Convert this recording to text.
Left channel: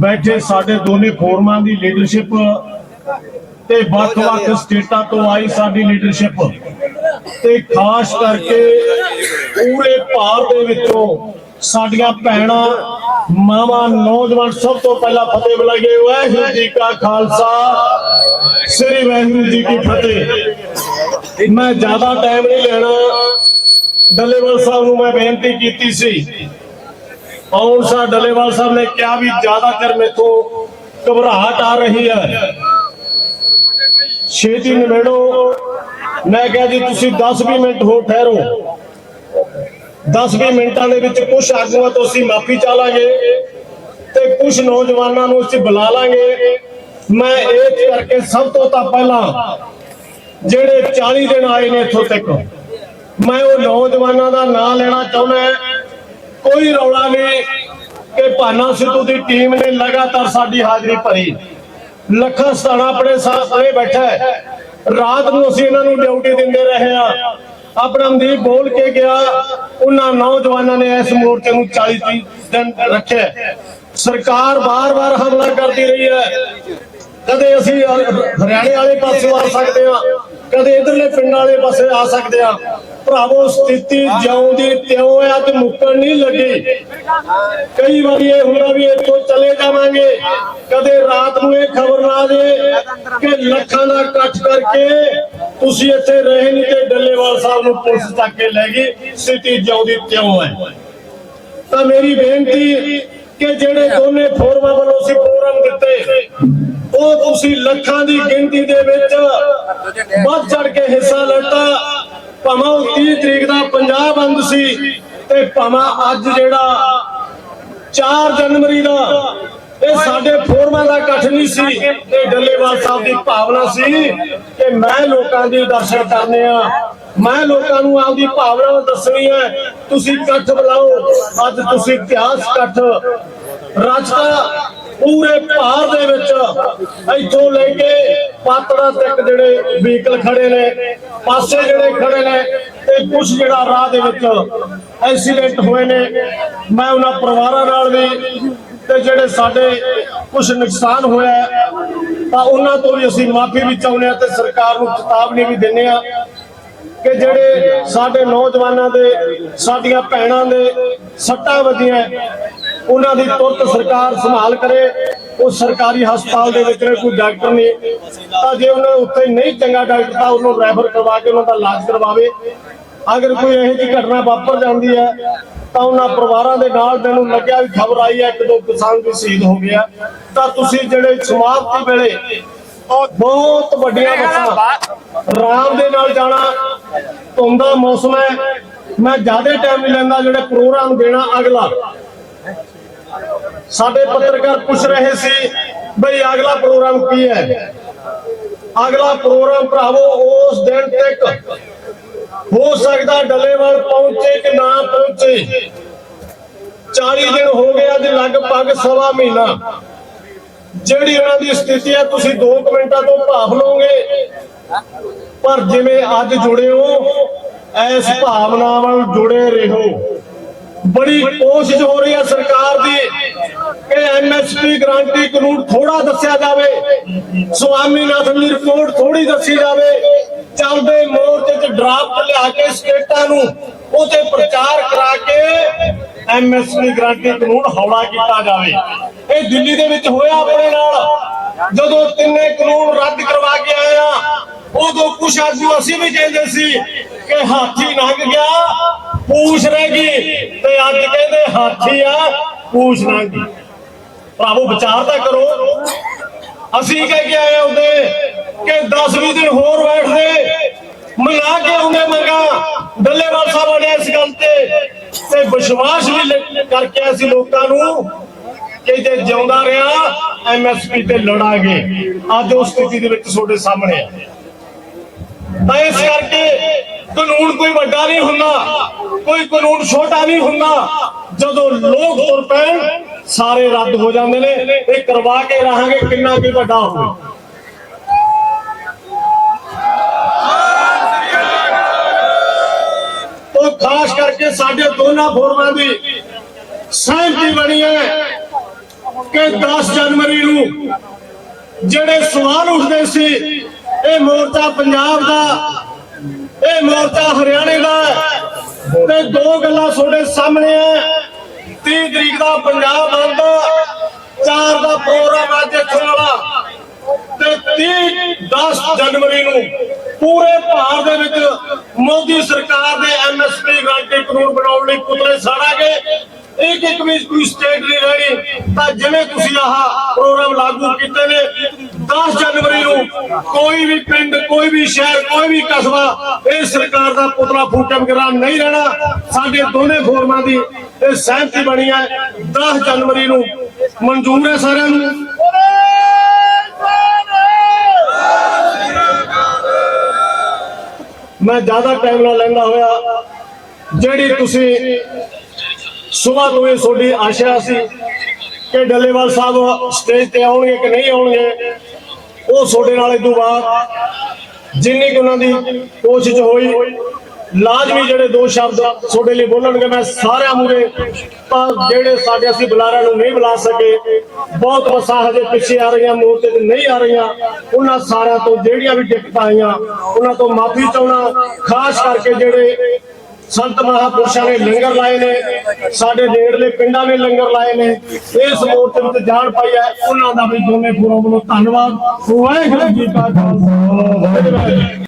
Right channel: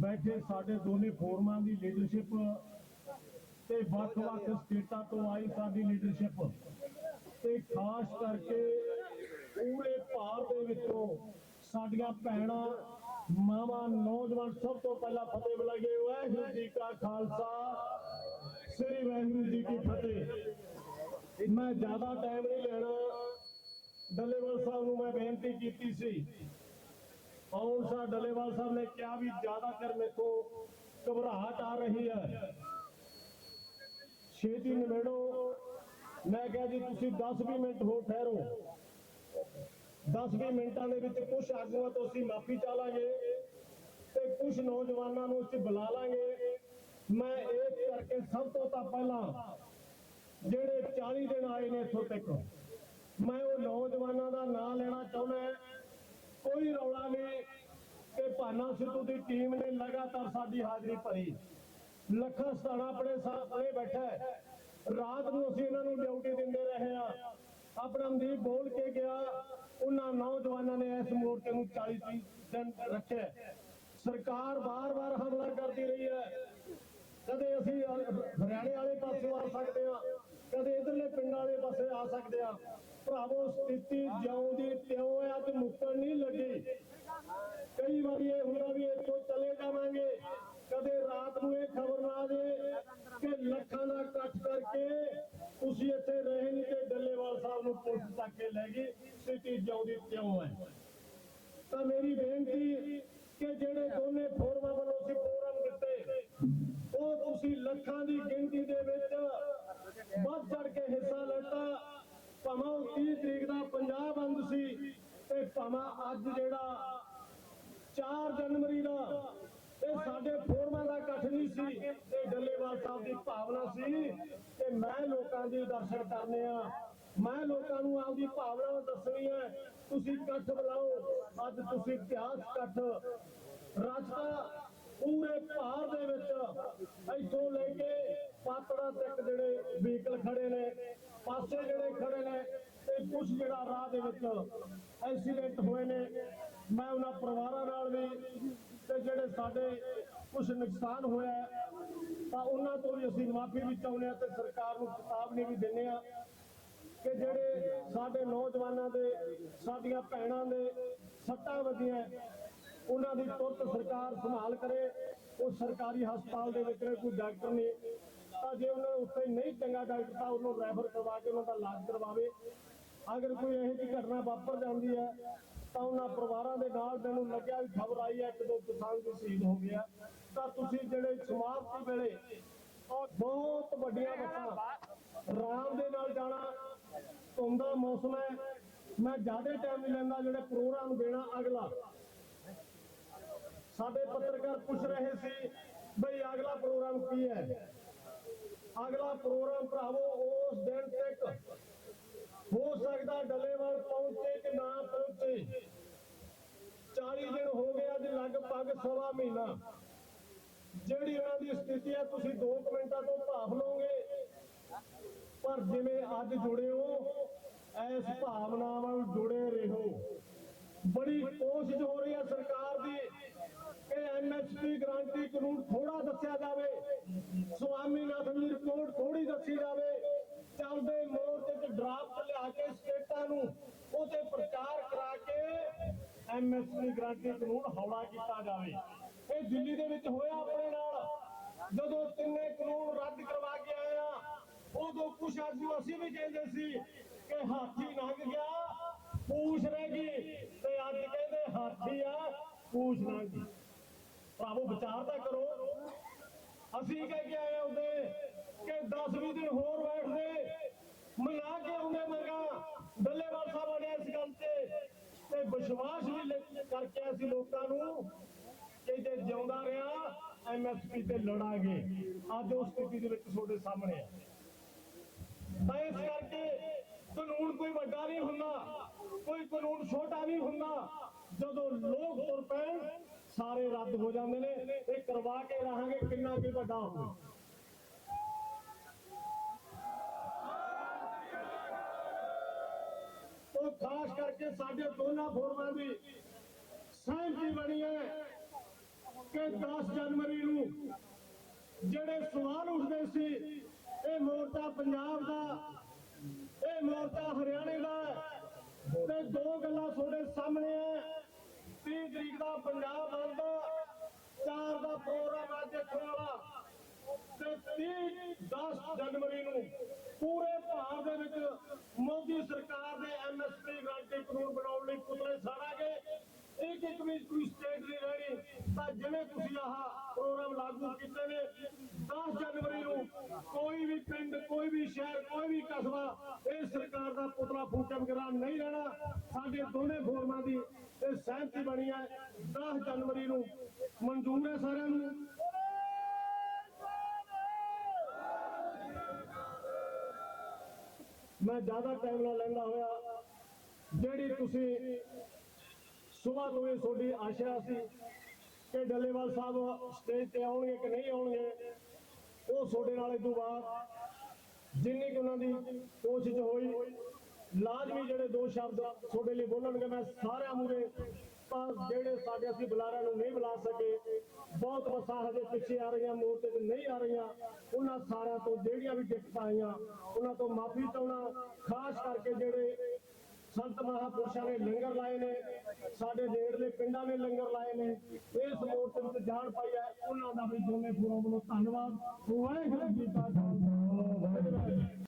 ਬੈਠੇ ਸਾਡੇ ਦੋਨੇ ਫੋਰਮਾਂ ਦੀ ਲੀਡਰਸ਼ਿਪ ਤੇ ਵੱਖ-ਵੱਖ ਸਟੇਟਾਂ ਤੋਂ ਆਈ ਸਾਡੀ ਲੀਡਰਸ਼ਿਪ ਤੇ ਖਾਸ ਕਰਕੇ ਪੂਰੇ ਭਾਰਤ ਦੇ ਵਿੱਚੋਂ ਸਾਡੀਆਂ ਭੈਣਾਂ ਮਾਵਾਂ ਨੌਜਵਾਨ ਸਭ ਤੋਂ ਪਹਿਲਾਂ ਫਤਿਹ ਬੁਲਾਈਏ। ਵਾਹਿਗੁਰੂ ਜੀ ਕਾ ਖਾਲਸਾ ਸ੍ਰੀ ਵਾਹਿਗੁਰੂ ਜੀ ਕੀ ਫਤਿਹ। ਮੈਂ ਜ਼ਿਆਦਾ ਟਾਈਮ ਨਹੀਂ ਲੈਣਾ। ਡੱਲੇਵਾਲ ਸਾਹਿਬ ਨੂੰ ਮੈਂ ਬੇਨਤੀ ਕੀਤੀ ਸੀ ਔਰ ਸਾ ਡੱਲੇਵਾਲ ਸਾਹਿਬ ਨੇ ਕਿਹਾ ਵੀ ਜ਼ਿਆਦਾਤਰ ਮੇਥੋਂ ਘਬਰਾਹਟ ਆ ਰਹੀ ਹੈ। ਛੇਤੀ ਨਿਬੇੜੋ। ਮੈਂ ਕਿਹਾ ਜੀ, ਤੁਸੀਂ 10-20 ਮਿੰਟ ਹੋਰ ਠਹਿਰੋ। 10-20 ਮਿੰਟਾਂ ਦੇ ਵਿੱਚ ਕੁਝ ਆਗੂਆਂ ਤੋਂ ਅਸੀਂ ਮਾਫੀ ਚਾਲਾਂਗੇ ਤੇ ਕੁਝ ਨੌਜਵਾਨਾਂ ਨੂੰ ਅਸੀਂ ਬੁਲਾ ਲਾਂਗੇ। ਮੈਂ ਇਹ ਕਰਕੇ ਸਭ ਤੋਂ ਤਾਂ ਪਹਿਲਾਂ ਜਿਹੜੇ 40 ਦਿਨ ਆਏ ਨੇ ਇੱਥੋਂ ਤੱਕ, ਮੈਂ ਉਹ ਨੌਜਵਾਨਾਂ ਦਾ ਨਾਂ ਲੈਣਾ ਚਾਹੁੰਦਾ ਕੋਈ ਰੌਲਾ ਨਹੀਂ ਕਿ ਭਾਨਾ ਸਿੱਧੂ ਦੀ ਟੀਮ ਨੇ ਲਗਾਤਾਰ ਸਾਡੀ ਹਾਜ਼ਰੀ ਭਰੀ। ਲੱਖਾਂ ਸਤਾਣਾ ਆਪਣੇ ਸਾਹਮਣੇ ਬੈਠਾ ਹੈ। ਰਾਤ ਨੂੰ ਅਸੀਂ ਇਹਨਾਂ ਨੂੰ ਡਿਊਟੀ ਦਿੰਦੇ ਰਹੇ ਆ ਆਪਣਾ ਮਨਦੀਪ ਬੋਲ ਕੇ ਗਿਆ। ਉਹਨਾਂ ਨੌਜਵਾਨਾਂ ਨੇ ਇਸ ਮੋਰਚੇ ਨੂੰ 40 ਦਿਨ ਰੱਖਿਆ ਸਰਕਾਰ ਬਾਰ-ਬਾਰ ਹਮਲਾ ਕਰਦੀ ਰਹੀ ਹੈ। ਕਦੇ ਅਸੀਂ ਹਰਿਆਣੇ ਵਾਲੇ ਪਾਸੇ ਆ ਸਕਦੇ ਆ ਕਦੇ ਇਧਰਲੇ ਪਿੰਡਾਂ ਵਾਲੇ ਪਾਸੇ ਆ ਸਕਦੇ ਆ। ਭਰਾਵੋ, ਸਥਿਤੀ ਜਿਉਂ ਦੀ ਤਿਉਂ ਹੈ ਤੇ ਮੁੱਕਣ ਨਹੀਂ ਲੱਗੀ। ਕਈ ਵਾਰੀ ਇਹ ਹੁੰਦਾ ਵੀ ਇੱਥੋਂ ਚਲੇ ਜਾਵਾਂਗੇ। ਕਦੇ ਰਾਤ ਨੂੰ ਇਹ ਖਬਰ ਨਾ ਜੇ ਕਿ ਲੱਖਾਂ ਦਾ ਇਕੱਠ ਕਰਕੇ ਤੁਸੀਂ ਇੱਥੇ ਰਹੇ ਨਹੀਂ ਤੇ ਡੱਲੇਵਾਲ ਸਾਹਿਬ ਨੂੰ ਪੁਲਿਸ ਤੱਕ ਕੇ ਲੈ ਗਈ, ਸਥਿਤੀ ਜਿਉਂ ਦੀ ਤਿਉਂ ਹੈ ਤਾਂ ਮੇਰੀ ਬੇਨਤੀ ਕਿ ਜਿਹੜੇ ਦੋਨੇ ਫੋਰਮਾਂ ਵੱਲੋਂ ਅਸੀਂ ਪ੍ਰੋਗਰਾਮ ਦਿੱਤੇ, ਉਹ ਤੁਸੀਂ ਲੱਖਾਂ ਦੀ ਗਿਣਤੀ ਦੇ ਵਿੱਚ ਵੱਧ ਚੜ ਕੇ ਹਿੱਸਾ ਲੈਤਾ। ਭਾਵੇਂ 30 ਤਰੀਕ ਦਾ ਪੰਜਾਬ ਬੰਦ ਸੀ ਤੇ ਭਾਵੇਂ ਅੱਜ ਜਿਹੜਾ 4 ਜਨਵਰੀ ਦਾ ਇਹ ਸਾਡੇ ਫੋਰਮਾਂ ਦਾ ਇਕੱਠ ਨਹੀਂ ਸੀ, ਇਹ ਡੱਲੇਵਾਲ ਸਾਹਿਬ ਦੀ ਭਾਵਨਾ ਸੀ ਕਿ ਮੈਂ ਲੋਕਾਂ ਦੀ ਦਰਸ਼ਨ ਕਰਨੇ ਆ। ਮੈਂ ਲੋਕਾਂ ਨੂੰ ਆਪਦੀ ਭਾਵਨਾ ਦੱਸਣੀ ਹੈ, ਤੁਸੀਂ ਇਕੱਠ ਬੁਲਾਓ, ਅੱਜ ਤੁਸੀਂ ਇਤਿਹਾਸ ਇਕੱਠ। ਰਚਤਾ ਪੂਰੇ ਭਾਰ ਦੇ ਵਿੱਚ ਇੱਥੋਂ ਲੈ ਕੇ ਪਾਤੜਾ ਤੱਕ ਜਿਹੜੇ ਵਹੀਕਲ ਖੜੇ ਨੇ, ਪਾਸੇ ਜਿਹੜੇ ਖੜੇ ਨੇ ਤੇ ਕੁਝ ਜਿਹੜਾ ਰਾਹ ਦੇ ਵਿੱਚ ਐਕਸੀਡੈਂਟ ਹੋਏ ਨੇ। ਮੈਂ ਉਹਨਾਂ ਪਰਿਵਾਰਾਂ ਨਾਲ ਵੀ ਤੇ ਜਿਹੜੇ ਸਾਡੇ ਕੁਝ ਨੁਕਸਾਨ ਹੋਇਆ ਤਾਂ ਉਹਨਾਂ ਤੋਂ ਵੀ ਅਸੀਂ ਮਾਫੀ ਵੀ ਚਾਹੁੰਦੇ ਆ ਤੇ ਸਰਕਾਰ ਨੂੰ ਚੇਤਾਵਨੀ ਵੀ ਦਿੰਦੇ ਆ ਕਿ ਜਿਹੜੇ ਸਾਡੇ ਨੌਜਵਾਨਾਂ ਦੇ, ਸਾਡੀਆਂ ਭੈਣਾਂ ਦੇ ਸੱਟਾਂ ਵੱਜੀਆਂ ਉਹਨਾਂ ਦੀ ਤੁਰਤ ਸਰਕਾਰ ਸੰਭਾਲ ਕਰੇ, ਉਹ ਸਰਕਾਰੀ ਹਸਪਤਾਲ ਦੇ ਵਿੱਚ ਕੋਈ ਡਾਕਟਰ ਨਹੀਂ। ਤਾਂ ਜੇ ਉਹਨਾਂ ਉੱਥੇ ਨਹੀਂ ਚੰਗਾ ਡਾਕਟਰ, ਤਾਂ ਉਹਨੂੰ ਰੈਫਰ ਕਰਵਾ ਕੇ ਉਹਨਾਂ ਦਾ ਇਲਾਜ ਕਰਵਾਵੇ। ਅਗਰ ਕੋਈ ਇਹੋ ਜਿਹੀ ਘਟਨਾ ਵਾਪਰ ਜਾਂਦੀ ਹੈ, ਤਾਂ ਉਹਨਾਂ ਪਰਿਵਾਰਾਂ ਦੇ ਨਾਲ ਮੈਨੂੰ ਲੱਗਿਆ ਵੀ ਖਬਰ ਆਈ ਹੈ, ਇੱਕ ਦੋ ਕਿਸਾਨ ਵੀ ਸ਼ਹੀਦ ਹੋ ਗਿਆ ਤਾਂ ਤੁਸੀਂ ਜਿਹੜੇ ਸਮਾਪਤੀ ਵੇਲੇ ਬਹੁਤ ਵੱਡੀਆਂ ਬੱਸਾਂ, ਰਾਮ ਦੇ ਨਾਲ ਜਾਣਾ, ਧੁੰਦਾ ਮੌਸਮ ਹੈ। ਮੈਂ ਜ਼ਿਆਦਾ ਟਾਈਮ ਨਹੀਂ ਲੈਂਦਾ, ਜਿਹੜੇ ਪ੍ਰੋਗਰਾਮ ਦੇਣਾ ਅਗਲਾ। ਸਾਡੇ ਪੱਤਰਕਾਰ ਪੁੱਛ ਰਹੇ ਸੀ, ਬਈ ਅਗਲਾ ਪ੍ਰੋਗਰਾਮ ਕੀ ਹੈ? ਅਗਲਾ ਪ੍ਰੋਗਰਾਮ ਭਰਾਵੋ, ਉਸ ਦਿਨ ਤੱਕ ਹੋ ਸਕਦਾ ਡੱਲੇਵਾਲ ਪਹੁੰਚੇ ਕਿ ਨਾ ਪਹੁੰਚੇ। 40 ਦਿਨ ਹੋ ਗਏ, ਅੱਜ ਲਗਭਗ ਸਵਾ ਮਹੀਨਾ। ਜਿਹੜੀ ਉਹਨਾਂ ਦੀ ਸਥਿਤੀ ਹੈ, ਤੁਸੀਂ 2 ਮਿੰਟਾਂ ਤੋਂ ਭਾਫ ਲਓਗੇ। ਪਰ ਜਿਵੇਂ ਅੱਜ ਜੁੜੇ ਹੋ ਐਸ ਭਾਵਨਾ ਨਾਲ ਜੁੜੇ ਰਹੋ। ਬੜੀ ਕੋਸ਼ਿਸ਼ ਹੋ ਰਹੀ ਹੈ ਸਰਕਾਰ ਦੀ। ਕਿ ਐਮਐਸਪੀ ਗਾਰੰਟੀ ਕਾਨੂੰਨ ਥੋੜਾ ਦੱਸਿਆ ਜਾਵੇ। ਸੁਆਮੀਨਾਥਨ ਦੀ ਰਿਪੋਰਟ ਥੋੜੀ ਦੱਸੀ ਜਾਵੇ। ਚੱਲਦੇ ਮੋਰਚੇ 'ਚ ਡਰਾਫਟ ਲਿਆ ਕੇ ਸਟੇਟਾਂ ਨੂੰ ਉਹਤੇ ਪ੍ਰਚਾਰ ਕਰਾ ਕੇ ਐਮਐਸਪੀ ਗਾਰੰਟੀ ਕਾਨੂੰਨ ਹੌਲਾ ਕੀਤਾ ਜਾਵੇ। ਇਹ ਦਿੱਲੀ ਦੇ ਵਿੱਚ ਹੋਇਆ ਆਪਣੇ ਨਾਲ। ਜਦੋਂ ਤਿੰਨੇ ਕਾਨੂੰਨ ਰੱਦ ਕਰਵਾ ਕੇ ਆਏ ਆ, ਉਦੋਂ ਕੁਛ ਆਗੂ ਅਸੀਂ ਵੀ ਕਹਿੰਦੇ ਸੀ ਕਿ ਹਾਥੀ ਲੰਘ ਗਿਆ, ਪੂਛ ਰਹਿ ਗਈ ਤੇ ਅੱਜ ਕਹਿੰਦੇ ਹਾਥੀ ਆ ਪੂਛ ਲੰਘ ਗਈ ਭਰਾਵੋ, ਵਿਚਾਰ ਤਾਂ ਕਰੋ। ਅਸੀਂ ਕਹਿ ਕੇ ਆਏ ਹੁੰਦੇ ਕਿ 10-20 ਦਿਨ ਹੋਰ ਬੈਠਦੇ। ਮਨਾ ਕੇ ਆਉਂਦੇ ਮੰਗਾ ਡੱਲੇਵਾਲ ਸਾਹਿਬ ਨੇ ਇਸ ਗੱਲ ਤੇ। ਤੇ ਵਿਸ਼ਵਾਸ ਵੀ ਕਰਕੇ ਅਸੀਂ ਲੋਕਾਂ ਨੂੰ ਕਿ ਜੇ ਜਿਉਂਦਾ ਰਿਹਾ ਐਮਐਸਪੀ ਤੇ ਲੜਾਂਗੇ। ਅੱਜ ਉਸ ਸਥਿਤੀ ਦੇ ਵਿੱਚ ਤੁਹਾਡੇ ਸਾਹਮਣੇ ਆ। ਤਾਂ ਇਸ ਕਰਕੇ ਕਾਨੂੰਨ ਕੋਈ ਵੱਡਾ ਨਹੀਂ ਹੁੰਦਾ, ਕੋਈ ਕਾਨੂੰਨ ਛੋਟਾ ਨਹੀਂ ਹੁੰਦਾ। ਜਦੋਂ ਲੋਕ ਤੁਰ ਪੈਣ, ਸਾਰੇ ਰੱਦ ਹੋ ਜਾਂਦੇ ਨੇ। ਇਹ ਕਰਵਾ ਕੇ ਰਹਾਂਗੇ ਕਿੰਨਾ ਕੀ ਵੱਡਾ ਹੋਵੇ ਉਹ ਖਾਸ ਕਰਕੇ ਸਾਡੇ ਦੋਨਾਂ ਫੋਰਮਾਂ ਦੀ ਸਹਿਮਤੀ ਬਣੀ ਹੈ ਕਿ 10 ਜਨਵਰੀ ਨੂੰ ਜਿਹੜੇ ਸਵਾਲ ਉੱਠਦੇ ਸੀ, ਇਹ ਮੋਰਚਾ ਪੰਜਾਬ ਦਾ, ਇਹ ਮੋਰਚਾ ਹਰਿਆਣੇ ਦਾ, ਤੇ ਦੋ ਗੱਲਾਂ ਤੁਹਾਡੇ ਸਾਹਮਣੇ ਆ। 30 ਤਰੀਕ ਦਾ ਪੰਜਾਬ ਬੰਦ ਚਾਰ ਦਾ ਪ੍ਰੋਗਰਾਮ ਅੱਜ ਇੱਥੋਂ ਵਾਲਾ। ਤੇ 30 10 ਜਨਵਰੀ ਨੂੰ ਪੂਰੇ ਭਾਰਤ ਦੇ ਵਿੱਚ ਮੋਦੀ ਸਰਕਾਰ ਦੇ ਐਮਐਸਪੀ ਗਾਰੰਟੀ ਕਾਨੂੰਨ ਬਣਾਉਣ ਲਈ ਪੁਤਲੇ ਸਾੜਾਂਗੇ। ਇੱਕ ਇੱਕ ਵੀ ਕੋਈ ਸਟੇਟ ਨਹੀਂ ਰਹਿਣੀ। ਤਾਂ ਜਿਵੇਂ ਤੁਸੀਂ ਆਹ ਪ੍ਰੋਗਰਾਮ ਲਾਗੂ ਕੀਤੇ ਨੇ 10 ਜਨਵਰੀ ਨੂੰ ਕੋਈ ਵੀ ਪਿੰਡ, ਕੋਈ ਵੀ ਸ਼ਹਿਰ, ਕੋਈ ਵੀ ਕਸਬਾ, ਇਹ ਸਰਕਾਰ ਦਾ ਪੁਤਲਾ ਫੂਟਣ ਬਗੈਰ ਨਹੀਂ ਰਹਿਣਾ। ਸਾਡੇ ਦੋਨੇ ਫੋਰਮਾਂ ਦੀ ਇਹ ਸਹਿਮਤੀ ਬਣੀ ਹੈ 10 ਜਨਵਰੀ ਨੂੰ। ਮਨਜ਼ੂਰ ਹੈ ਸਾਰਿਆਂ ਨੂੰ? ਮੈਂ ਜ਼ਿਆਦਾ ਟਾਈਮ ਨਾ ਲੈਂਦਾ ਹੋਇਆ। ਜਿਹੜੀ ਤੁਸੀਂ ਸਵੇਰ ਤੋਂ ਇਹ ਤੁਹਾਡੀ ਆਸ਼ਾ ਸੀ ਕਿ ਡੱਲੇਵਾਲ ਸਾਹਿਬ ਸਟੇਜ ਤੇ ਆਉਣਗੇ ਕਿ ਨਹੀਂ ਆਉਣਗੇ, ਉਹ ਤੁਹਾਡੇ ਨਾਲ ਇਹ ਤੋਂ ਬਾਅਦ ਜਿੰਨੀ ਕਿ ਉਹਨਾਂ ਦੀ ਕੋਸ਼ਿਸ਼ ਹੋਈ ਲਾਜ਼ਮੀ ਜਿਹੜੇ ਦੋ ਸ਼ਬਦ ਤੁਹਾਡੇ ਲਈ ਬੋਲਣਗੇ, ਮੈਂ ਸਾਰਿਆਂ ਮੂਰੇ ਜਿਹੜੇ ਸਾਡੇ ਅਸੀਂ ਬੁਲਾਰਿਆਂ ਨੂੰ ਨਹੀਂ ਬੁਲਾ ਸਕੇ, ਬਹੁਤ ਬੱਸਾਂ ਹਜੇ ਪਿੱਛੇ ਆ ਰਹੀਆਂ ਮੋਰਚੇ ਤੇ ਨਹੀਂ ਆ ਰਹੀਆਂ। ਉਹਨਾਂ ਸਾਰਿਆਂ ਤੋਂ ਜਿਹੜੀਆਂ ਵੀ ਦਿੱਕਤਾਂ ਆਈਆਂ, ਉਹਨਾਂ ਤੋਂ ਮਾਫੀ ਚਾਹਣਾ ਖਾਸ ਕਰਕੇ ਜਿਹੜੇ ਸੰਤ ਮਹਾਪੁਰਸ਼ਾਂ ਨੇ ਲੰਗਰ ਲਾਏ ਨੇ, ਸਾਡੇ ਨੇੜਲੇ ਪਿੰਡਾਂ ਨੇ ਲੰਗਰ ਲਾਏ ਨੇ, ਇਸ ਮੋਰਚੇ ਵਿੱਚ ਜਾਣ ਪਾਈ ਹੈ, ਉਹਨਾਂ ਦਾ ਵੀ ਦੋਨੇ ਗੁਰੂਆਂ ਵੱਲੋਂ ਧੰਨਵਾਦ। ਵਾਹਿਗੁਰੂ ਜੀ ਕਾ ਖਾਲਸਾ, ਵਾਹਿਗੁਰੂ ਜੀ